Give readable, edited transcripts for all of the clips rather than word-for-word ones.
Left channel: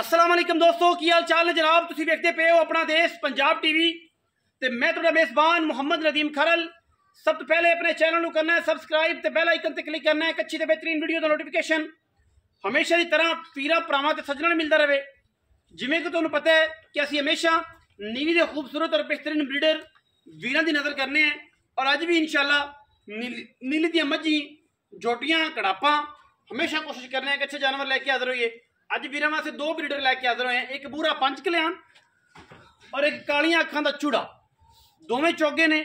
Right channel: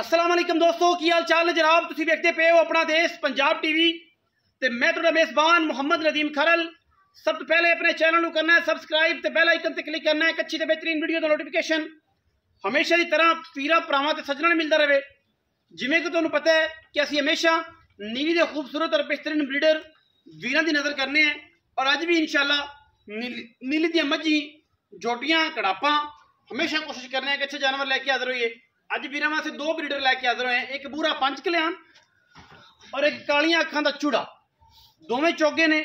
अस्सलाम वालेकुम दोस्तों, की हाल चाल है जनाब। तुसीं देखते पे हो अपना देश पंजाब टीवी ते मैं तुहाडा मेज़बान मुहम्मद नदीम खरल। सब तो पहले अपने चैनल को करना है सबसक्राइब ते बेल आइकन ते क्लिक करना है एक अच्छी ते बेहतरीन वीडियो का नोटिफिकेशन हमेशा की तरह पीरा भरावां ते सज्जणां मिलता रहे। जिवें कि तुहानूं पता है कि असीं हमेशा नीली दे खूबसूरत और बेहतरीन ब्रीडर वीरां दी नज़र करने हैं और अज भी इंशाअल्लाह नीली दी मझी जोटियां कड़ापां हमेशा कोशिश करने हैं कि अच्छे जानवर लैके हाजिर होइए। अज वीरां वास्ते दो ब्रीडर लैके हाजिर होए हैं, एक बूरा पंच कल्याण और एक कालियां अखां दा चूड़ा। दोवें चोगे ने,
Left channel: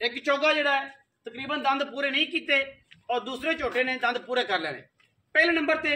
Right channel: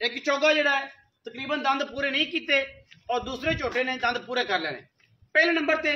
एक चोगा जिहड़ा है तकरीबन दंद पूरे नहीं किए और दूसरे झोटे ने दंद पूरे कर लेने। पहले नंबर ते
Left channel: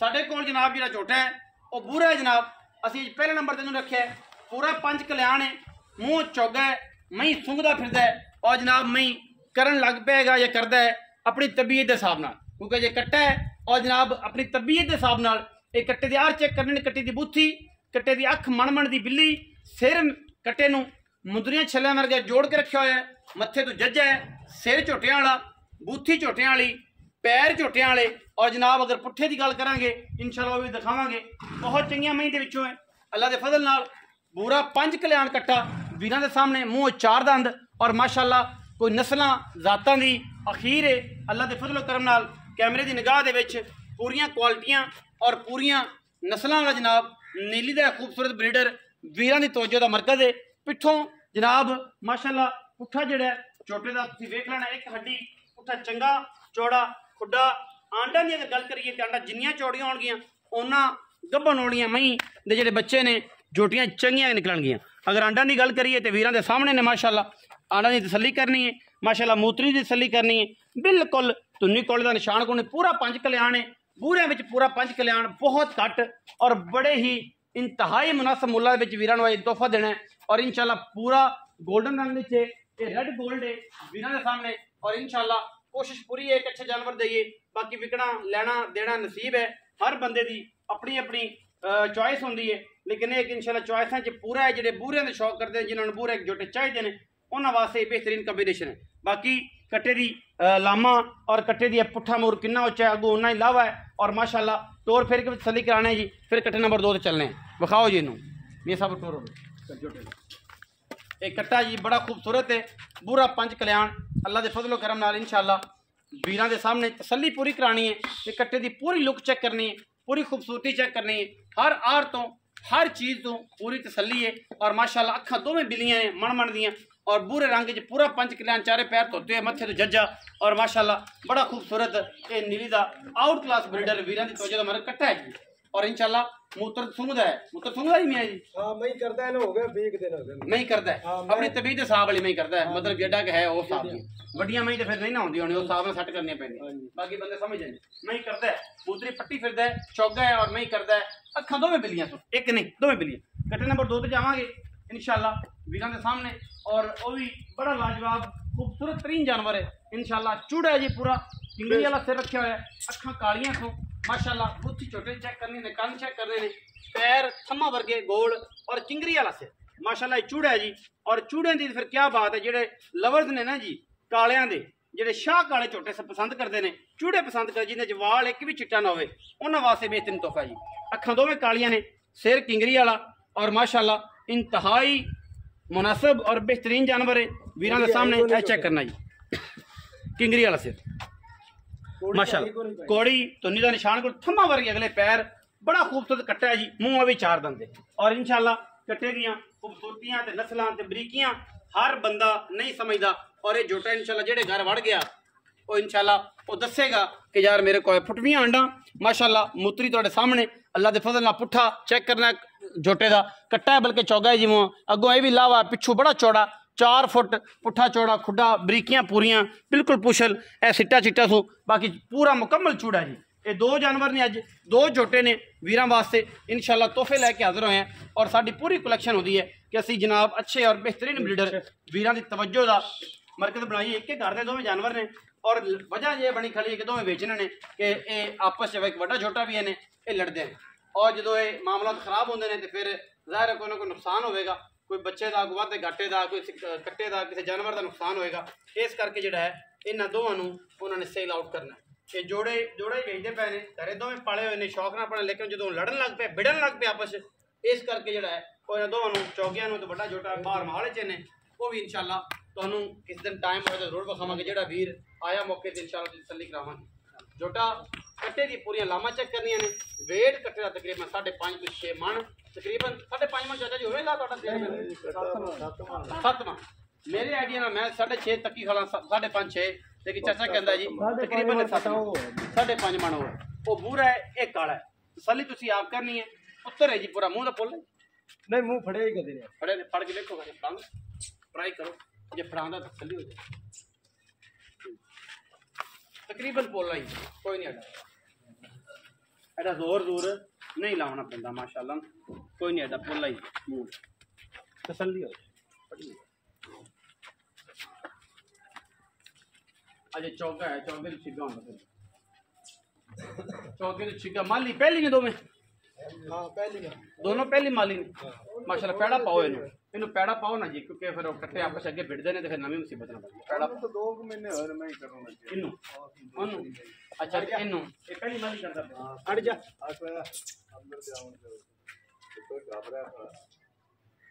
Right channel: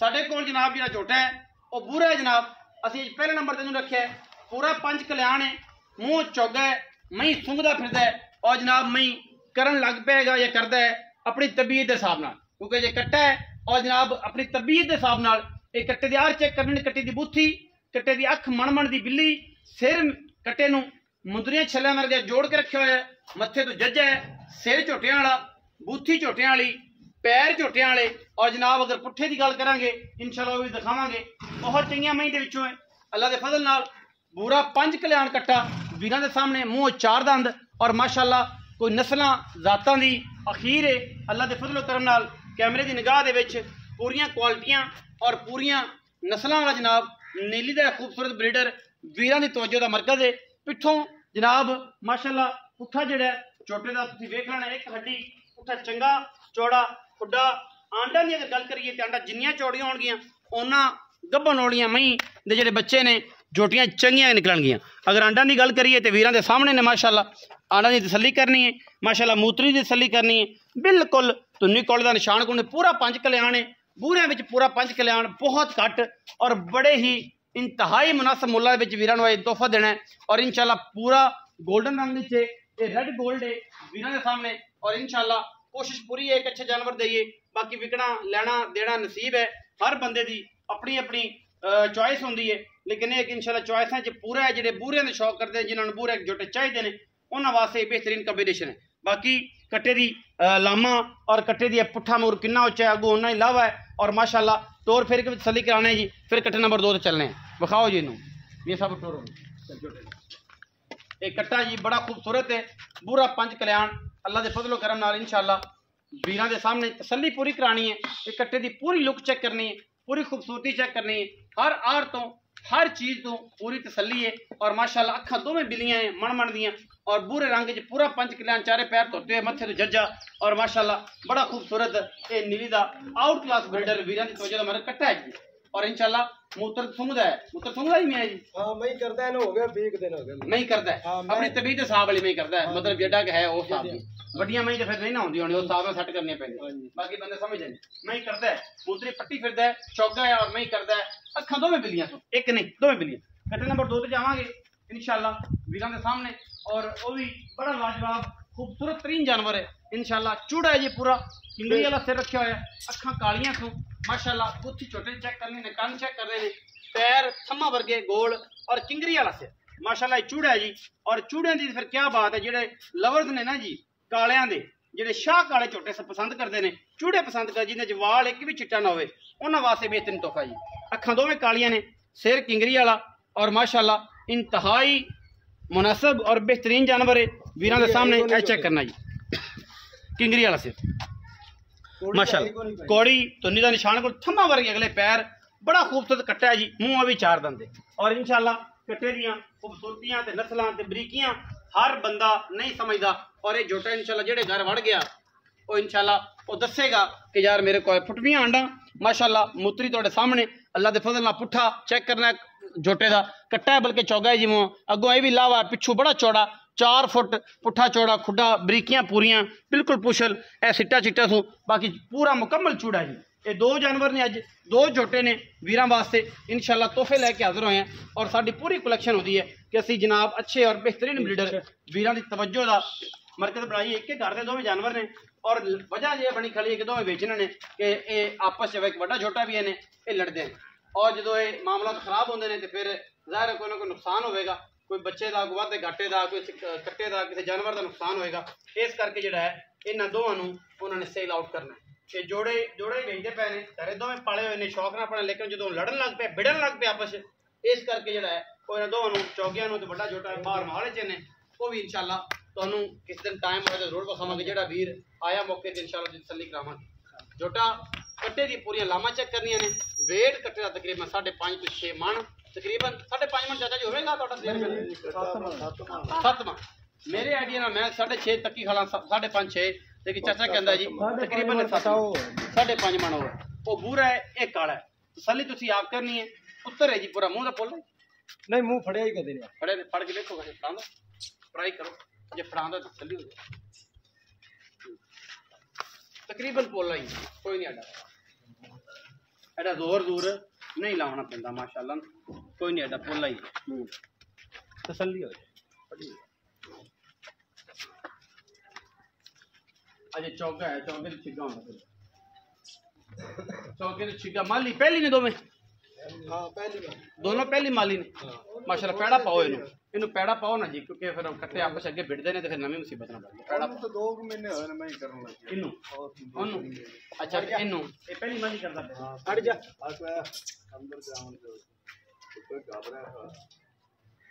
साडे कोल जनाब जिहड़ा झोटा है वह बूरा है जनाब। असीं पहले नंबर ते इहनूं रखिआ है, पूरा पंच कल्याण है, मूँह चोगा है, मई सूंघदा फिरदा है और जनाब मई करन लग पेगा या करदा है अपनी तबीयत के हिसाब नाल, क्योंकि ये कट्टा है और जनाब अपनी तबीयत के हिसाब नाल एक कट्टे दी आर चेक करनी, कट्टे दी बूथी, कट्टे दी अख मण दी बिल्ली, सिर कट्टे नूं मुंदरियां छल्लियां वर्गा जोड़ के रखा हुआ है, मत्थे तो जज्जा है, सिर झोटियां वाला, बूथी झोटियां वाली, पैर झोटियां वाले और जनाब अगर पुट्ठे की गल करांगे इंशाअल्लाह वो भी दिखावांगे। बहुत चंगियां मई दे विचों है अल्लाह दे फजल नाल। बूरा पंज कल्याण कट्टा वीरां दे सामने, मूँह चार दंद और माशाअल्लाह कोई नस्लां जातां दी अखीर है अल्लाह दे फजल करम नाल। कैमरे की निगाह दे विच पूरियां क्वालिटियां और पूरियां नस्लां वाला जनाब नीली दा खूबसूरत ब्रीडर वीरां दी तवज्जो दा मरकज़ है। पिछों जनाब माशाअल्लाह पुट्ठा जिहड़ा छोटे दा तुसीं वेख लेना, एक हड्डी पुट्ठा चंगा चौड़ा खुड्डा। आंडा की अगर गल करिए तो आंडा जिन्नियां चौड़ियां होणगियां उन्ना गब्भण वालियां मई दे जिहड़े बच्चे ने जोटियां चंगियां निकलणगियां। अगर आंडा की गल करिए तो वीरां दे सामने ने माशाअल्लाह आंडा की तसल्ली करनी है, माशाअल्लाह मूतरी की तसल्ली करनी है, बिल्कुल धुन्नी कोले का निशान कोने, पूरा पंच कल्याण है। बूरियां विच पूरा पंच कल्याण बहुत घट और बड़े ही इंतहाई मुनासिब मुल्लां दे विच वीरां नूं तोहफा देना है और इंशाअल्लाह पूरा गोल्डन रंग विच ये रेड गोल्ड है वीरां दे सामने और इंशाअल्लाह कोशिश पूरी है एक अच्छे जानवर दईए। बाकी विकना लैना देना नसीब है, हर बंदे दी अपनी अपनी चॉइस होंदी है, लेकिन एक इंशाअल्लाह चॉइसां च पूरा है जिहड़े बूरियां दे शौक करदे जिन्हां नूं बूरे जोटे चाहिए ने उन्हां वास्ते बेहतरीन कॉम्बिनेशन है। बाकी कट्टे दी लामा और कट्टे दी पुट्ठा मूर कितना उच्चा है, अगू उन्ना ही लावा है और माशाअल्लाह तोर फिर के तसल्ली कराना है जी। फिर कट्टे नंबर 2 ते चलने हैं, विखाओ जी इनू, ये सब टोर एक कट्टा जी बड़ा खूबसूरत है बूरा पंच कल्याण अल्लाह दे फजलो करम नाल इंशाअल्लाह वीरां दे सामने तसल्ली पूरी करानी है। एक कट्टे दी पूरी लुक चेक करनी है, पूरी खूबसूरती चेक करनी है, हर आर तो हर चीज़ तो पूरी तसल्ली है और माशाअल्लाह अखां दोवें बिलियां हैं मण दियां और बूरे रंग च पूरा पंच कल्याण, चारे पैर धोते हुए, मत्थे तो जज्जा और माशाअल्लाह बड़ा खूबसूरत ये नीली दा आउट क्लास ब्रीडर वीरां दी तवज्जो दा मेरा कट्टा है जी। और इंशाअल्लाह मूत्र सूंघदा है, मूत्र सूंघदा ही मैं जी। हां मई करदा है ना, हो गया 20 दिन हो गए मई करदा है अपनी तबीयत हिसाब वाली मई करदा है, मतलब जेड़ा के है उस हिसाब दी। वड्डियां मई ते फिर नहीं ना होंदी होनी, उस हिसाब नाल सेट करनी पैंदी, बाकी बंदे समझ जाए। मई करदा है मूत्री पट्टी फिरदा है, चौगा है और मई करदा है अखां दोवें बिलियां तो एक नहीं दोवें बिलियां। कट्टे नंबर 2 ते जावांगे इंशाअल्लाह वीरां दे सामने और वो भी बड़ा लाजवाब खूबसूरत तरीन जानवर है इंशाअल्लाह। चूड़ा है जी पूरा किंगरी वाला सिर रखा हुआ है, अखां कालियां सो माशाअल्लाह, बुत्थी छोटे चेक करने ने, कान चेक करने ने, पैर थम्मा वर्गे गोल और किंगरी वाला सिर माशाअल्लाह चूड़ा है जी। और चूड़े की फिर क्या बात है, जेडे लवर्स ने ना जी कालियां दे जेडे शाह काले झोटे सब पसंद करते हैं, चूड़े पसंद कर जिन्हें वाल एक भी चिट्टा ना होवे उन्हां वास्ते बेहतरीन तोहफा जी। अखां दोवें कालियां ने, सिर किंगरी वाला और माशाअल्लाह इंतहाई मुनासिब और बेहतरीन जानवर है वीरां दे सामने चेक करना जी। किंगरी वाला सिर माशाअल्लाह कौड़ी धुन्नी का निशान को थम्मा वर्गे अगले पैर, बड़ा खूबसूरत कट्टा है जी, मूँह भी चार दंद और इंशाअल्लाह कट्टे दियां खूबसूरतियां ते नस्लां ते बरीकियां हर बंदा नहीं समझदा और ये जोटा इंशाअल्लाह जेड़े घर वड़ गया वो इंशाअल्लाह वो दसेगा कि यार मेरे को फुटवियां आंडा माशाअल्लाह मूत्री तुहाडे सामने अल्लाह दे फजल नाल पुट्ठा चेक करना जोटे का कट्टा है बल्कि चौगा है जी, मूँह अगों ये भी लावा, पिछू बड़ा चौड़ा 4 फुट पुट्ठा चौड़ा खुड्डा, बरीकियां पूरियां बिल्कुल पुछल ए सिट्टा चिट्टा सो, बाकी पूरा मुकम्मल चूड़ा जी। ये दो जानवर ने, अज दो झोटे ने वीरां वास्ते इंशाअल्लाह तोहफे लैके हाजिर होए हैं और साडी पूरी कलैक्शन होती है कि असी जनाब अच्छे और बेहतरीन ब्रीडर वीरां दी तवज्जो दा मरकज़ बनाइए। एक घर के दोवें जानवर ने और वजह यह बनी खड़ी है कि दोवें बेचने ने कि ये आपस च एक बड़ा छोटा भी है ने ये लड़ते हैं और जो ये मामला खराब होंगे ने तो फिर ज़ाहिर कोई ना कोई नुकसान होगा, कोई बच्चे का, कोई वाधे घाटे का, कोई कट्टे का, किसी जानवर का नुकसान होएगा। इस करके जो है इन्होंने दोवां नूं उन्होंने सेल आउट करना है। ਇਹ ਜੋੜੇ ਵੇਚਦੇ ਪਏ ਨੇ ਤੇਰੇ ਦੋਵੇਂ ਪਾਲੇ ਹੋਏ ਨੇ ਸ਼ੌਕ ਨਾਲ ਪਾਲੇ, ਲੇਕਿਨ ਜਦੋਂ ਲੜਨ ਲੱਗ ਪਏ ਵਿੜਨ ਲੱਗ ਪਏ ਆਪਸ ਵਿੱਚ, ਇਸ ਕਰਕੇ ਜਿਹੜਾ ਹੈ ਉਹ ਇਹਨਾਂ ਦੋਵਾਂ ਨੂੰ ਚੌਗਿਆਂ ਨੂੰ ਤੇ ਵੱਡਾ ਛੋਟਾ ਬਾਹਰ ਮਾਰੇ ਚ ਨੇ। ਉਹ ਵੀ ਇਨਸ਼ਾਅੱਲਾ ਤੁਹਾਨੂੰ ਕਿਸ ਦਿਨ ਟਾਈਮ ਹੋਏ ਤਾਂ ਜ਼ਰੂਰ ਵਿਖਾਵਾਂਗੇ। ਜਿਹੜਾ ਵੀਰ ਆਇਆ ਮੌਕੇ ਤੇ ਇਨਸ਼ਾਅੱਲਾ ਤਸੱਲੀ ਕਰਾਵਾਂਗੇ। ਜੋਟਾ ਕੱਟੇ ਦੀ ਪੂਰੀਆਂ ਲਾਵਾਂ ਚੈੱਕ ਕਰਨੀਆਂ ਨੇ। ਵੇਟ ਕੱਟੇ ਦਾ ਤਕਰੀਬਨ 5.5 ਤੋਂ 6 ਮਣ, ਤਕਰੀਬਨ 5.5 ਮਣ ਚਾਚਾ ਜੀ ਹੋਵੇਗਾ ਤੁਹਾਡਾ? 7 ਮਣ ਮੇਰੇ ਆਈਡੀਆ ਨਾਲ ਮੈਂ 6.5 ਤੱਕੀ ਖਾਲਾ, 5.5 6, ਲੇਕਿਨ ਚਾਚਾ ਕਹਿੰਦਾ ਜੀ ਤਕਰੀਬਨ 7.5 ਮਣ ਹੋਵੇ। ਉਹ ਬੂਰਾ ਹੈ, ਇਹ ਕਾਲਾ ਹੈ। ਤਸੱਲੀ ਤੁਸੀਂ ਆਪ ਕਰਨੀ ਹੈ। ਉੱਤਰ ਹੈ ਜੀ ਪੂਰਾ ਮੂੰਹ ਦਾ ਪੁੱਲ ਨਹੀਂ, ਮੂੰਹ ਫੜਿਆ ਹੀ ਕਦੇ ਨਹੀਂ। ਫੜੇ ਫੜ ਕੇ ਦੇਖੋ ਫੜਾਂਦਾ, ਟਰਾਈ ਕਰੋ, ਜੇ ਫੜਾਂਦਾ ਤਾਂ ਤਸੱਲੀ ਹੋ ਜਾਏ। ਤਕਰੀਬਨ ਪੋਲਾ ਹੀ, ਕੋਈ ਨਹੀਂ ਐਡਾ ਜ਼ੋਰ ਨਹੀਂ ਲਾਉਣਾ ਪੈਂਦਾ ਮਾਸ਼ਾਅੱਲਾ, ਕੋਈ ਨਹੀਂ ਐਡਾ ਪੋਲਾ ਹੀ ਮੂੰਹ ਤਸੱਲੀ ਹੋ ਜਾਏ। ਅਜੇ ਚੌਗਾ ਹੈ, ਚੌਗੇ ਤੇ ਛਿੱਗਾ ਹੁੰਦਾ, ਚੌਗੇ ਤੇ ਛਿੱਗਾ ਮਾਲੀ ਪਹਿਲੀ ਨੇ ਦੋਵੇਂ, ਹਾਂ ਪਹਿਲੀ ਦੋਨੋਂ ਪਹਿਲੀ ਮਾਲੀ ਨੇ ਮਾਸ਼ਾਅੱਲਾ। ਪੈੜਾ ਪਾਓ ਇਹਨੂੰ ਪੈੜਾ ਪਾਓ ਨਾ ਜੀ, ਕਿਉਂਕਿ ਫਿਰ ਇਕੱਠੇ ਆਪਸ ਅੱਗੇ ਵਿੜਦੇ ਨੇ ਤੇ ਫਿਰ ਨਵੀਂ ਮੁਸੀਬਤ ਨਾ ਪੈਂਦੀ। ਪੈੜਾ ਪਾਓ। 2 ਮਹੀਨੇ ਹੋਏ ਨੇ ਮੈਂ ਹੀ ਕਰਨ ਲੱਗਾ ਇਹਨੂੰ ਉਹਨੂੰ, ਅੱਛਾ ਇਹਨੂੰ ਇਹ ਪਹਿਲੀ ਮਾਲੀ ਕਰਦਾ ਪਿਆ। ਹਟ ਜਾ ਅੰਦਰ ਤੇ ਆਉਣ ਤੇ ਕੋਈ ਘਾਬਰਾ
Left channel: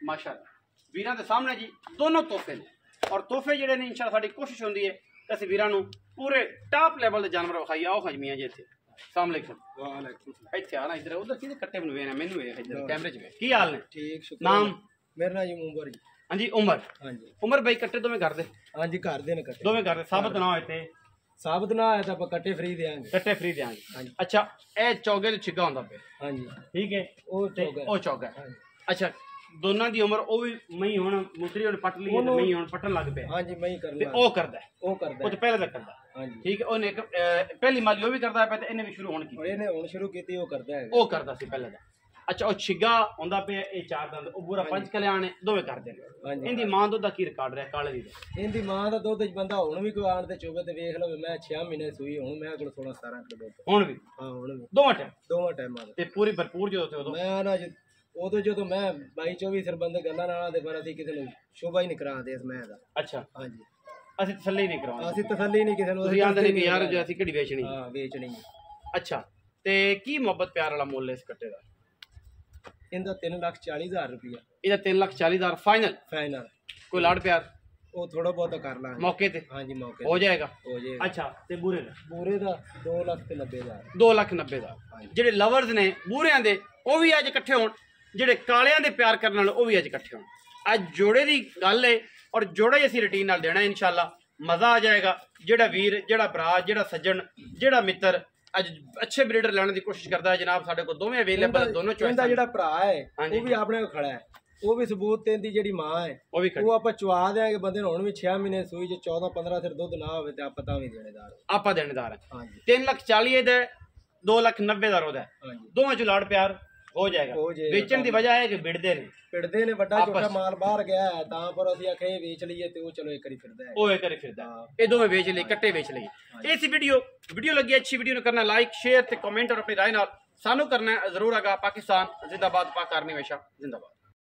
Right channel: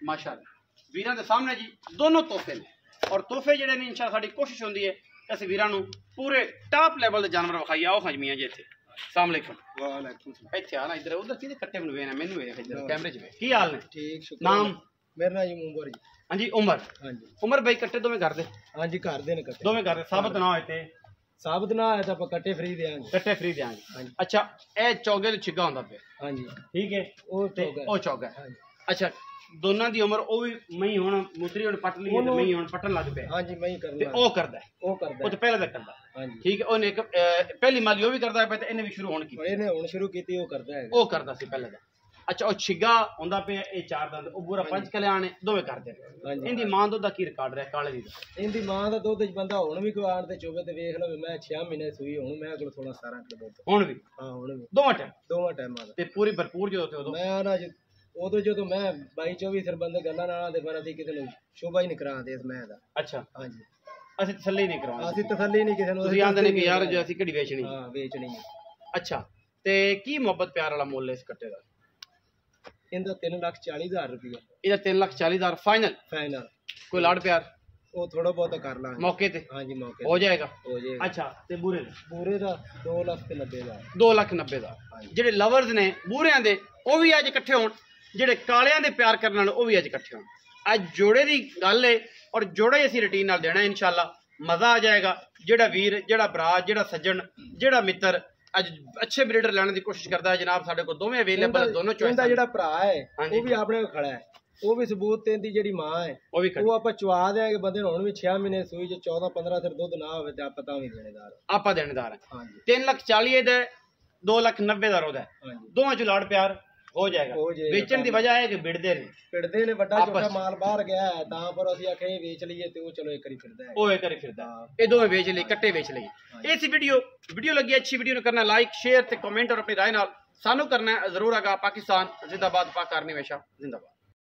ਮਾਸ਼ਾਅੱਲਾ। ਵੀਰਾਂ ਦੇ ਸਾਹਮਣੇ ਜੀ ਦੋਨੋਂ ਤੋਹਫੇ ਨੇ, ਔਰ ਤੋਹਫੇ ਜਿਹੜੇ ਨੇ ਇਨਸ਼ਾਅੱਲਾ ਸਾਡੀ ਕੋਸ਼ਿਸ਼ ਹੁੰਦੀ ਹੈ ਅਸੀਂ ਵੀਰਾਂ ਨੂੰ ਪੂਰੇ ਟਾਪ ਲੈਵਲ ਦੇ ਜਾਨਵਰ ਵਿਖਾਈਏ। ਆਓ ਹਜਮੀਆਂ ਜੀ ਇੱਥੇ। अस्सलाम वालेकुम। ਇੱਥੇ ਆ ਨਾ ਇਧਰ ਉਧਰ ਕਿਹਦੇ ਕੱਟੇ ਬਣਵੇ ਨਾ, ਮੈਨੂੰ ਵੇਖ ਇਧਰ ਕੈਮਰੇ 'ਚ ਵੇਖ। ਕੀ ਹਾਲ ਨੇ? ਠੀਕ ਸ਼ੁਕਰ। ਨਾਮ? ਮੇਰਾ ਨਾਮ ਜੀ ਉਮਰ ਜੀ। ਹਾਂਜੀ ਉਮਰ। ਹਾਂਜੀ ਉਮਰ ਬਾਈ ਕੱਟੇ ਦੋਵੇਂ ਕਰਦੇ? ਹਾਂਜੀ ਘਰ ਦੇ ਨੇ ਕੱਟੇ ਦੋਵੇਂ ਕਰਦੇ। ਸਾਬਤ ਨਾ ਹੋਏ ਤੇ ਸਾਬਤ ਨਾ ਆਇਆ ਤਾਂ ਆਪਾਂ ਕੱਟੇ ਫ੍ਰੀ ਦੇਾਂਗੇ। ਕੱਟੇ ਫ੍ਰੀ ਦੇਾਂਗੇ। ਹਾਂਜੀ। ਅੱਛਾ ਇਹ ਚੌਗੇ ਤੇ ਛਿੱਗਾ ਹੁੰਦਾ ਪਿਆ? ਹਾਂਜੀ ਠੀਕ ਹੈ। ਉਹ ਚੌਗਾ। ਹਾਂਜੀ। ਅੱਛਾ ਦੋਨਾਂ ਦੀ ਉਮਰ ਉਹ ਵੀ ਮਈ ਹੁਣ ਮੁਸਰੀ ਹੁਣ ਪੱਟ ਲਈ ਤੇ ਮਈ ਹੁਣ ਪੱਟਣ ਲੱਗ ਪਿਆ। ਹਾਂਜੀ ਮਈ ਤੇ ਕਰਨਾ ਉਹ ਕਰਦਾ ਉਹ ਤੇ ਪਹਿਲੇ ਦਾ ਕਰਦਾ। ਹਾਂਜੀ ਠੀਕ ਹੈ। ਉਹਨੇ ਇੱਕ ਪਹਿਲੀ ਮਾਲੀ ਉਹ ਵੀ ਕਰਦਾ ਪਿਆ ਤੇ ਇਹਨੇ ਵੀ ਸ਼ੁਰੂ ਹੋਣ ਕੀਤੀ। ਇਹਨੇ ਹੁਣ ਸ਼ੁਰੂ ਕੀਤੀ, ਉਹ ਕਰਦਾ ਹੈ। ਉਹ ਕਰਦਾ ਸੀ ਪਹਿਲੇ ਦਾ। ਅੱਛਾ ਉਹ ਛਿੱਗਾ ਹੁੰਦਾ ਪਿਆ, ਇਹ 4 ਦੰਦ, ਉਹ ਪੂਰਾ 5 ਕਲਿਆਣ ਨੇ, ਦੋਵੇਂ ਕਰਦੇ ਨੇ। ਇਹਦੀ ਮਾਂ ਦੁੱਧ ਦਾ ਕੀ ਰਿਕਾਰਡ ਰਿਹਾ ਕਾਲੇ ਦੀ ਦਾ? ਇਹਦੀ ਮਾਂ ਦਾ ਦੁੱਧ ਬੰਦਾ ਹੁਣ ਵੀ ਕੋਈ ਆਣ ਤੇ ਚੋਵੇ ਤੇ ਵੇਖ ਲਵੇ। ਮੈਂ 6 ਮਹੀਨੇ ਸੂਈ, ਹੁਣ ਮੈਂ ਕੋਲ 16-17 ਕਿਲੋ ਦੁੱਧ ਹੁਣ ਵੀ? ਹਾਂ ਹੁਣ ਵੀ ਦੋਵਾਂ ਟਾਈਮਾਂ ਦਾ। ਤੇ ਪੂਰੀ ਭਰਪੂਰ ਜਦੋਂ ਤੇ ਉਦੋਂ ਮੈਂ ਨਾ ਉਦੋਂ ਜਦੋਂ ਮੈਂ 22-24 ਸਿਰ ਬੰਦੇ ਗੱਲਾਂ ਨਾਲ ਤੇ ਫਿਰ ਅਸੀਂ ਕਿਸੇ ਨੂੰ ਸ਼ੋਭਾ ਹੀ ਨਹੀਂ ਕਰਾਉਂਦੇ ਇਸ ਮੈਂ ਦਾ। ਅੱਛਾ ਹਾਂਜੀ ਅਸੀਂ ਤਸੱਲੀ ਨਹੀਂ ਕਰਵਾਉਂਦੇ। ਅਸੀਂ ਤਸੱਲੀ ਨਹੀਂ ਕਿਸੇ ਨੂੰ। ਤੁਸੀਂ ਆਂਦੇ ਨੇ ਕਿ ਯਾਰ ਜੇ ਅਸੀਂ ਕਿਹੜੀ ਵੇਚਣੀ? ਹਾਂ ਵੇਚਣੀ ਹੈ। ਅੱਛਾ ਤੇ ਕੀ ਮੁਹੱਬਤ ਪਿਆਰ ਵਾਲਾ ਮੁੱਲ ਹੈ ਇਸ ਕੱਟੇ ਦਾ? ਇਹਦਾ 3,40,000 ਰੁਪਇਆ। ਇਹਦਾ 3,40,000 ਫਾਈਨਲ? ਫਾਈਨਲ। ਕੋਈ ਲਾੜ ਪਿਆਰ ਉਹ ਥੋੜਾ ਬਹੁਤਾ ਕਰ ਲਾਂਗੇ ਮੌਕੇ ਤੇ? ਹਾਂਜੀ ਮੌਕੇ ਹੋ ਜਾਏਗਾ। ਹੋ ਜਾਏਗਾ। ਅੱਛਾ ਤੇ ਬੂਰੇ ਦਾ? ਬੂਰੇ ਦਾ 2,90,000। 2,90,000। ਜਿਹੜੇ ਲਵਰਸ ਨੇ ਬੂਰਿਆਂ ਦੇ ਉਹ ਵੀ ਅੱਜ ਇਕੱਠੇ ਹੋਣ, ਜਿਹੜੇ ਕਾਲਿਆਂ ਦੇ ਪਿਆਰ ਕਰਨ ਵਾਲੇ ਉਹ ਵੀ ਅੱਜ ਇਕੱਠੇ ਹੋਣ। ਅੱਜ ਜੋੜੇ ਦੀ ਗੱਲ ਹੈ ਔਰ ਜੋੜਾ ਹੀ ਅਸੀਂ ਰੂਟੀਨ ਨਾਲ ਦੇਣਾ ਇਨਸ਼ਾਅੱਲਾ। ਮਜ਼ਾ ਆ ਜਾਏਗਾ। ਜਿਹੜਾ ਵੀਰ, ਜਿਹੜਾ ਭਰਾ, ਜਿਹੜਾ ਸੱਜਣ, ਜਿਹੜਾ ਮਿੱਤਰ ਅੱਜ ਅੱਛੇ ਬਰੀਡਰ ਲੈਣ ਦੀ ਕੋਸ਼ਿਸ਼ ਕਰਦਾ ਹੈ ਜਨਾਬ, ਸਾਡੇ ਕੋਲ ਦੋਵੇਂ ਅਵੇਲੇਬਲ, ਦੋਨੋਂ ਚੋਇਸ। ਇਹਦਾ ਜਿਹੜਾ ਭਰਾ ਹੈ ਉਹ ਵੀ ਆਪਣੇ ਕੋਲ ਖੜਾ ਹੈ, ਉਹ ਵੀ ਸਬੂਤ ਤੇ ਦੀ ਜਿਹੜੀ ਮਾਂ ਹੈ ਉਹ ਆਪਾਂ ਚਵਾ ਦਿਆਂਗੇ ਬੰਦੇ ਨੂੰ। ਹੁਣ ਵੀ 6 ਮਹੀਨੇ ਸੂਈ ਚ 14-15 ਸਿਰ ਦੁੱਧ ਨਾ ਹੋਵੇ ਤੇ ਆਪਾਂ ਤਾਂ ਵੀ ਦੇਣੇਦਾਰ। ਆਪਾਂ ਦੇਣੇਦਾਰ ਹੈ। ਹਾਂਜੀ 3,40,000 ਦਾ, 2,90,000 ਉਹਦਾ। ਹਾਂਜੀ ਦੋਵਾਂ ਚ ਲਾੜ ਪਿਆਰ ਹੋ ਜਾਏਗਾ। ਵੇਚਣ ਦੀ ਵਜ੍ਹਾ ਹੈ ਕਿ ਵਿੜਦੇ ਨੇ ਵੱਡਾ ਛੋਟਾ ਮਾਲ ਬਾਹਰ ਗਿਆ ਹੈ ਤਾਂ ਪਰ ਅਸੀਂ ਆਖੇ ਵੇਚ ਲਈਏ ਤੇ ਉਹ ਚਲੋ ਇੱਕ ਵਾਰੀ ਫਿਰਦਾ ਹੈ। ਉਹ ਇੱਕ ਵਾਰੀ ਫਿਰਦਾ, ਇਹ ਦੋਵੇਂ ਵੇਚ ਲਈ, ਕੱਟੇ ਵੇਚ ਲਈ। ਇਸ ਵੀਡੀਓ ਲੱਗੀ ਅੱਛੀ ਵੀਡੀਓ ਨੂੰ ਕਰਨਾ ਲਾਈਕ, ਸ਼ੇਅਰ ਤੇ ਕਮੈਂਟ, ਔਰ ਆਪਣੀ ਰਾਏ ਨਾਲ ਸਾਨੂੰ ਕਰਨਾ ਜ਼ਰੂਰ ਆਗਾ। ਪਾਕਿਸਤਾਨ ਜ਼ਿੰਦਾਬਾਦ, ਪਾਕ ਆਰਮੀ ਹਮੇਸ਼ਾ ਜ਼ਿੰਦਾਬਾਦ।